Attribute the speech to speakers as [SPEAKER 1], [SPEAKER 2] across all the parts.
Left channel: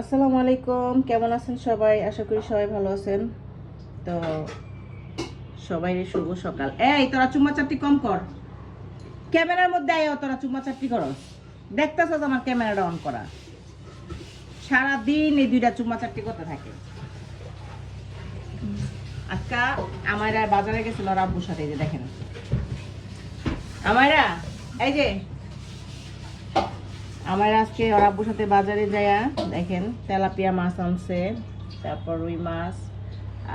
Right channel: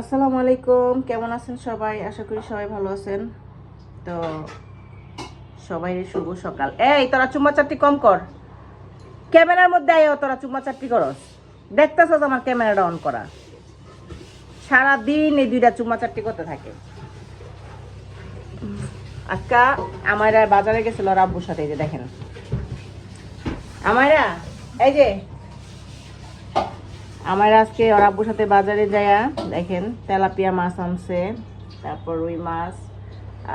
[SPEAKER 1] আসসালামু আলাইকুম, কেমন আছেন সবাই? আশা করি সবাই ভালো আছেন। তো সবাই শুভ সকাল। এই, তোরা চুম্মা চারটি কম কর। ক্যামেরার মধ্যে আয়, তোরা চুম্মা চারটি করস। দেখতেছ আমার ক্যামেরাটা অন করা। সারা দিন এই দুইটা চুম্মা চারটি করতে থাকে। আজকা আমারা বাজারে গেছিল ওর আব্বুর সাথে এই যে দেখেন। আমারা এই যে আমার আজকে ওর আব্বুর সাথে বাজারে যায়া দেখেন, তেলাপিয়া মাছ আনছে, তারপর রুই মাছ,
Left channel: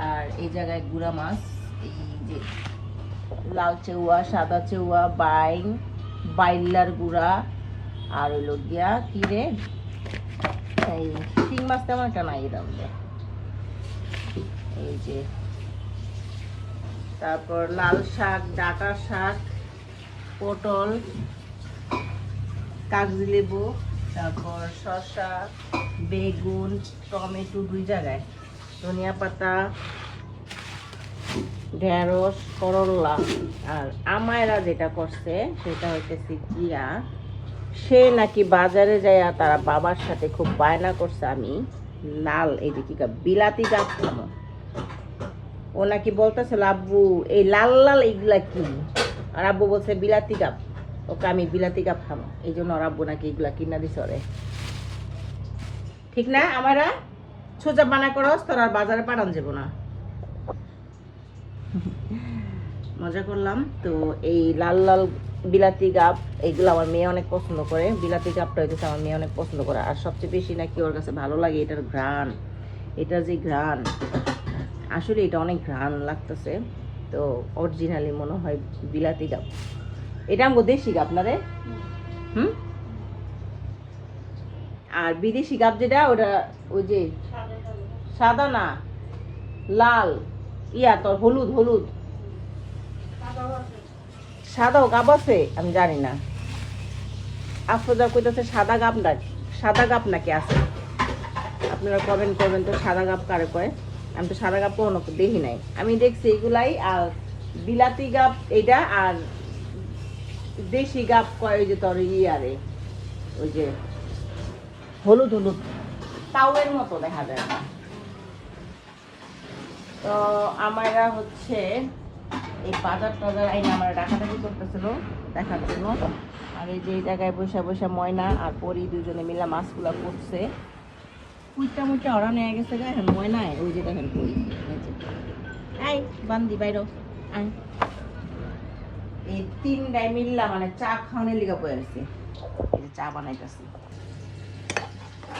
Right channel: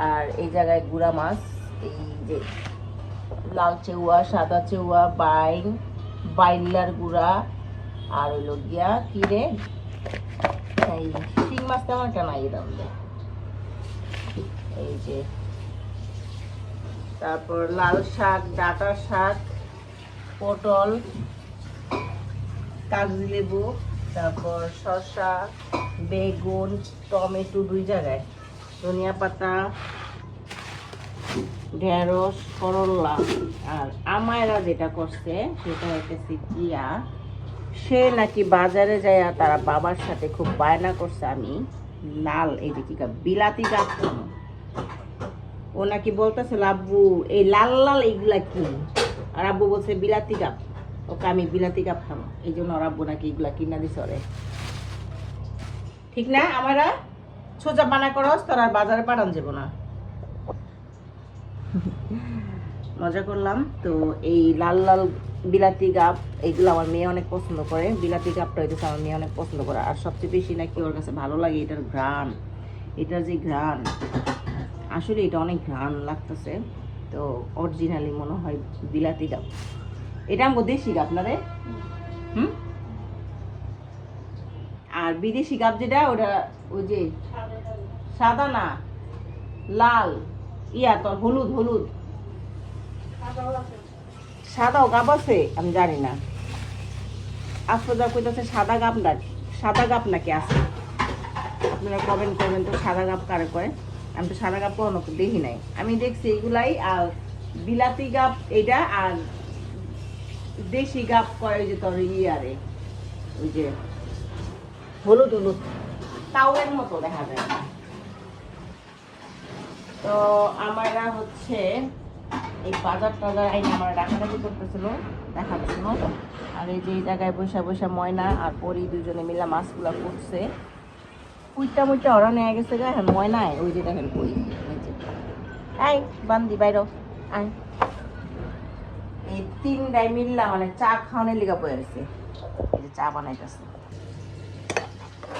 [SPEAKER 1] আর এই জায়গায় গুড়া মাছ, এই যে লাল চেউয়া সাদা চেউয়া বাইন বাইলার গুড়া, আর হইল গিয়া কি রে এই শিং মাছ তেমন একটা নাই মধ্যে। এই যে তারপর লাল শাক ডাটা শাক, পটল কাগজি লেবু, তারপর শসা, বেগুন, টমেটো দুই জায়গায়। ধনিয়া পাতা, ঢেঁড়স, করলা, আর আমায়রা যেটা করছে, সেটা হইতেছে জিয়া সে নাকি বাজারে যায় তারা বাবার সাথে খুব বায়না করছে আমি, লাল, এই যে কি বিলাতি গাছ ও নাকি বলতেছে আব্বু এই লাল লাল এইগুলা কি? আর আব্বু বলছে, বিলাতি গাছ। ওকে আমি বিলাতি কাপ খাব এই জন্য ওর আব্বু নাকি এগুলা কিনা দিছে ওরে। ঠিক না? আমারা সোজা বানা করস, তোর আর বাজারে পাঠান যাব না। মজা করলাম। তো এই লাল লাল বিলাতি গাপ এগুলো আমার মেয়ে অনেক পছন্দ করে। বিলাতি গাপটা হইতেছে আমার মেয়ে অনেক পছন্দ করে। আর সবচেয়ে বেশি নাকি ওর কাছে ভালো লাগে এটার ঘ্রাণ। এটার যে ঘ্রাণ। আসলে এটা অনেক ঘ্রাণ লাগতেছে। তো অরিজিনালি মনে হয় বিলাতি গাপ এটা আমগো দেশি গাপ না রে? হুম? আর বিদেশি গাপ যেটা, ওটা ওই যে সাদা না, লাল, ইয়া তোর হলুদ হলুদ। সাদাও গাপ আছে? আমি জানি না। আফরোজা কইতেছে সাদা গাপ না, সাদা গাপ নাকি আছে? আপনারা কমেন্ট করবেন তো সাদা গাপ কারে কয়? আমি তো সাদা গাপ কোনো দেখি নাই। আমি দেখছি এগুলাই আর বিলাতি গাপ এটা আর দেশি গাপ কয় ওই যে তোর ইয়ারে? ওই যে হলুদ হলুদ। তাওয়ের মতো দেখা যায়। তো আমরা হচ্ছে এই বাজার টাজার, এই আমার ডাকাডাকি করতেছিল দেখার জন্য। এই যে জায়গায় বসে বসে ময়না আর পরি দুজনে মিলে মাছগুলো করছে উইটা মুইটা ওরা নিয়ে গেছে গা, ময়নায়, ওই যে দেখেন পরি। এই বান্দি বাইর আয়। এই তিনটাই মিললা মানে চা খাওয়ানোর লিগা বয়ে গেছে। চা বানাইতেছে।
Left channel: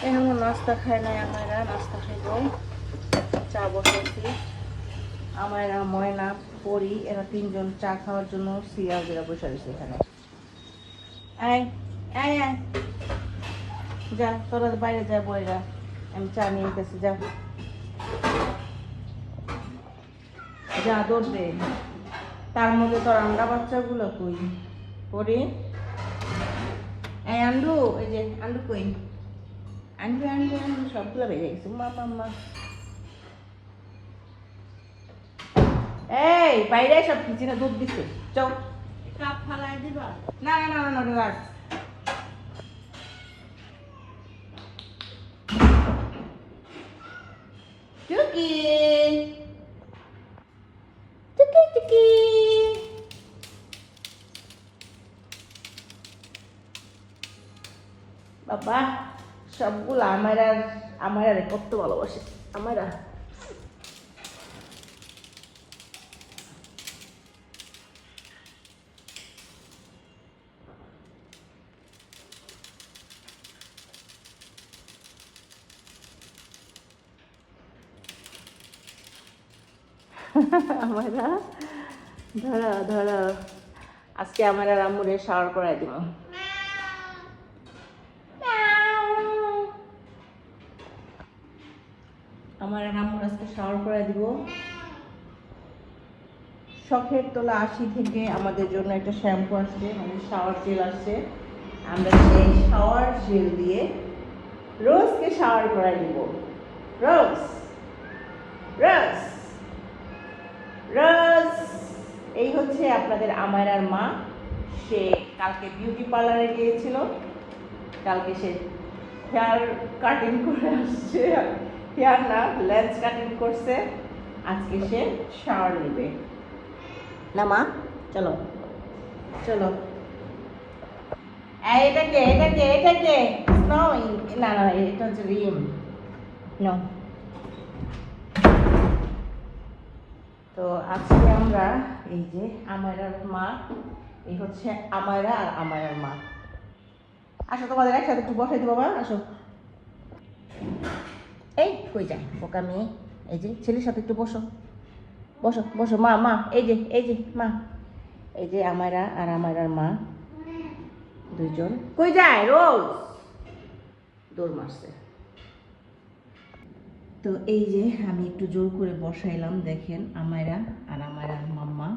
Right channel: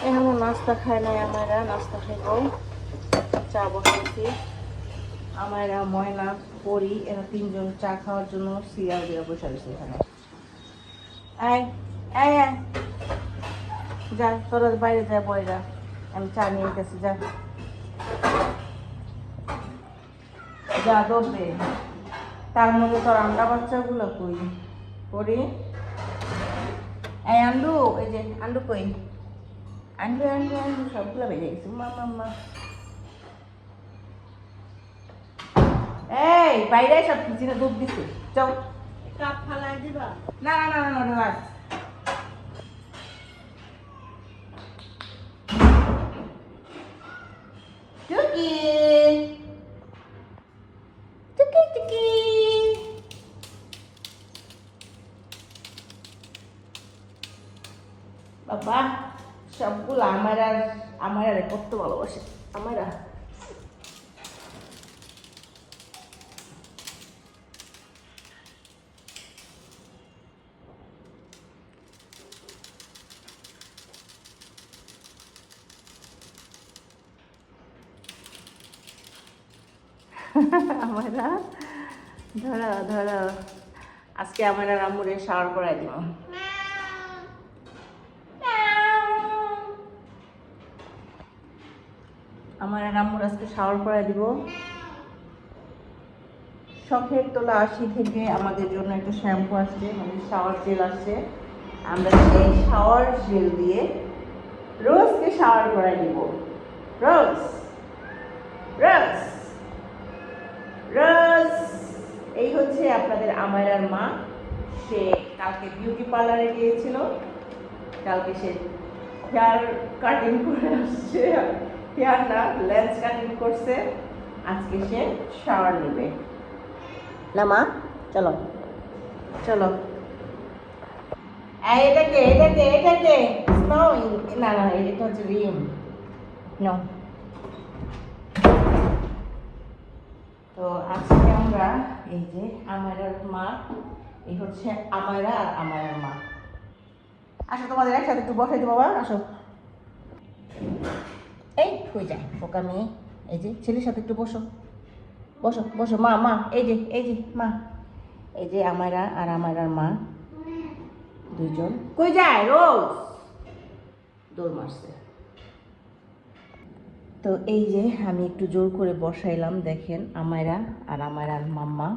[SPEAKER 1] এখন নাস্তা খায় নাই আমরা নাস্তা খাইব চা বসেছি আমরা ময়না পরি এরা তিনজন চা খাওয়ার জন্য সিরিয়াল দিয়ে বসে রয়েছে এখানে। যা তোরা বাইরে যা যা। আমি চা নিয়ে গেছি যা। যা দৌড়ে তার মধ্যে তোর আমরা বাচ্চাগুলো কই? করি এই আন্ডু এই যে আন্ডু কই? আন্ডু আন্ডু আন্ডু সবগুলো বেজে গেছে। এই বাইরে সব কিচেনে দুধ দিছে। চল।
[SPEAKER 2] কাপ ফালাই দিবা?
[SPEAKER 1] না না না না না না কত ভালোবাসে আমার আমরা ধরো ধরো আজকে আমরা রামুরে শাওয়ার করাই দিব আমার রামুর আজকে শাওয়ার করাই দিব। শখের তোলা আশি থেকে আমাদের জন্য একটা শ্যাম্পু আসছে মানে শাওয়ার জেল আসছে। আমরা সেই শাওয়ার জেল দিয়ে রোজকে শাওয়ার করাই দিব। রোজ রোজ রোজ। এই হচ্ছে আপনাদের আমার আর মা। সে কালকে বিউটি পার্লারে গিয়েছিল, কালকে সে হেয়ার কাটিং করে আসছে। হেয়ার না লেন্স কাটিং করছে। আজকে সে শাওয়ার নেবে। না মা চলো। চলো। এটা কে এটা কে এটা কে? স্নো না না এটা হচ্ছে রিম। নো তো আজকে আমরা এই যে আমারার মা এই হচ্ছে আমারা আর আমারার মা। একটু বসে দেবো, বাবা, আসো। এই হয়ে যায় বোকা মেয়ে। এই যে, ছেলের সাথে একটু বসো। বসো বসো। মা মা, এই যে এই যে, মা। এই যে আমারা আর আমারার মা। দুইজন। কই যায় রোজ? দৌড় মারছে। তো এই যে, আমি একটু জোর করে বসাইলাম, দেখেন আমারা আর আমার আর মাম্মা।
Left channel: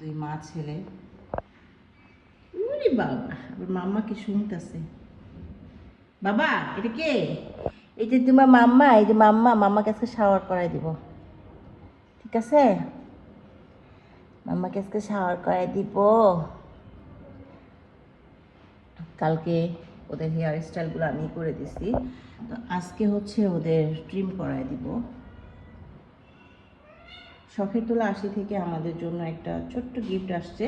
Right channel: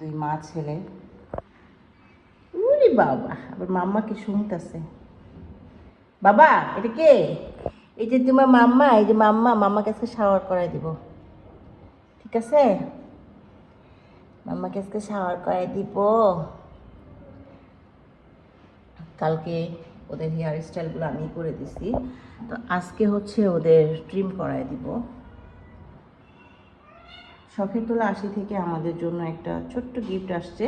[SPEAKER 1] দুই মা ছেলে। উরে বাবা, আবার মাম্মা কি শুনতেছে? বাবা, এটা কে? এই যে তোমার মাম্মা, এই যে মাম্মা মাম্মা কাছে শাওয়ার করাই দিব। ঠিক আছে? মাম্মা কাছে শাওয়ার করাই দিব। কালকে ওদের হেয়ার স্টাইলগুলো আমি করে দিছি। তো আজকে হচ্ছে ওদের ট্রিম করায় দিব। শখের তোলা আশি থেকে আমাদের জন্য একটা ছোট্ট গিফট আসছে।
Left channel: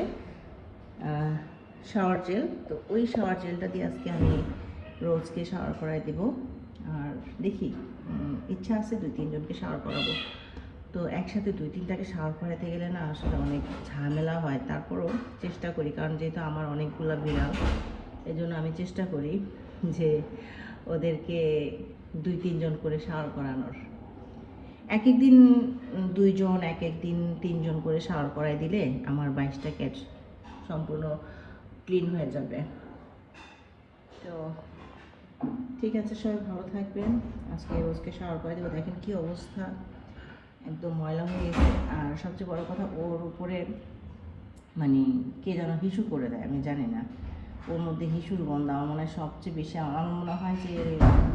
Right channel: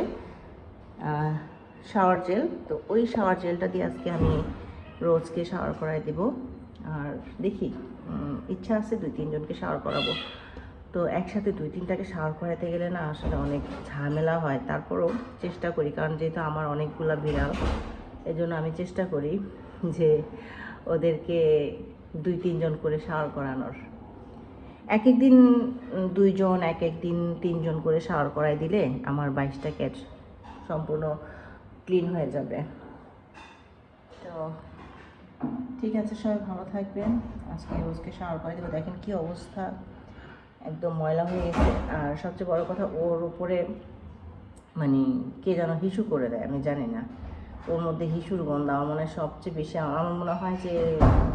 [SPEAKER 1] Shower gel. তো ওই শাওয়ার জেলটা দিয়ে আজকে আমি রোজকে শাওয়ার করায় দেব। আর দেখি ইচ্ছা আছে দুই তিনজনকে শাওয়ার করাবো। তো একসাথে দুই তিনটাকে শাওয়ার করাতে গেলে না আসলে অনেক ঝামেলা হয়। তারপরও চেষ্টা করি, কারণ যেহেতু আমার অনেকগুলা বিড়াল এই জন্য আমি চেষ্টা করি যে ওদেরকে দুই তিনজন করে শাওয়ার করানোর। এক এক দিন দুইজন এক এক দিন তিনজন করে শাওয়ার করাই দিলে আমার বাইশটা ক্যাচ সম্পূর্ণ ক্লিন হয়ে যাবে। তো ঠিক আছে সবাই ভালো থাকবেন। আজকে রোজকে শাওয়ার করে দেবো। দেখেন কি অবস্থা। একদম ময়লা হয়ে গেছে। আর সবচেয়ে বড় কথা, ওর উপরে মানে কে যেন হিসু করে দেয়, আমি জানি না। ওর মধ্যে হিসুর গন্ধ আমার মনে হয় সবচেয়ে বেশি, আমার মনে হয় যে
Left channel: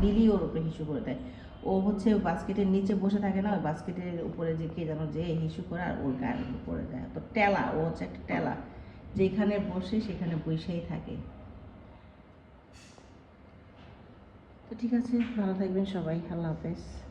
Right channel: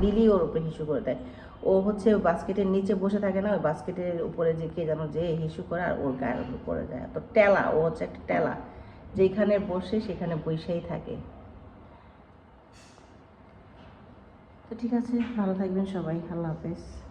[SPEAKER 1] লিলি ওর উপরে হিসু করে দেয়। ও হচ্ছে বাস্কেটের নিচে বসে থাকে না, ওই বাস্কেটের উপরে যে কে যেন যে হিসু করে আর ওর গায়ের উপর করে দেয় তো টেলা, ও হচ্ছে একটা টেলা। যেখানে বসে সেখানে বৈশাই থাকে। তো ঠিক আছে ভালো থাকবেন সবাই আল্লাহ হাফেজ।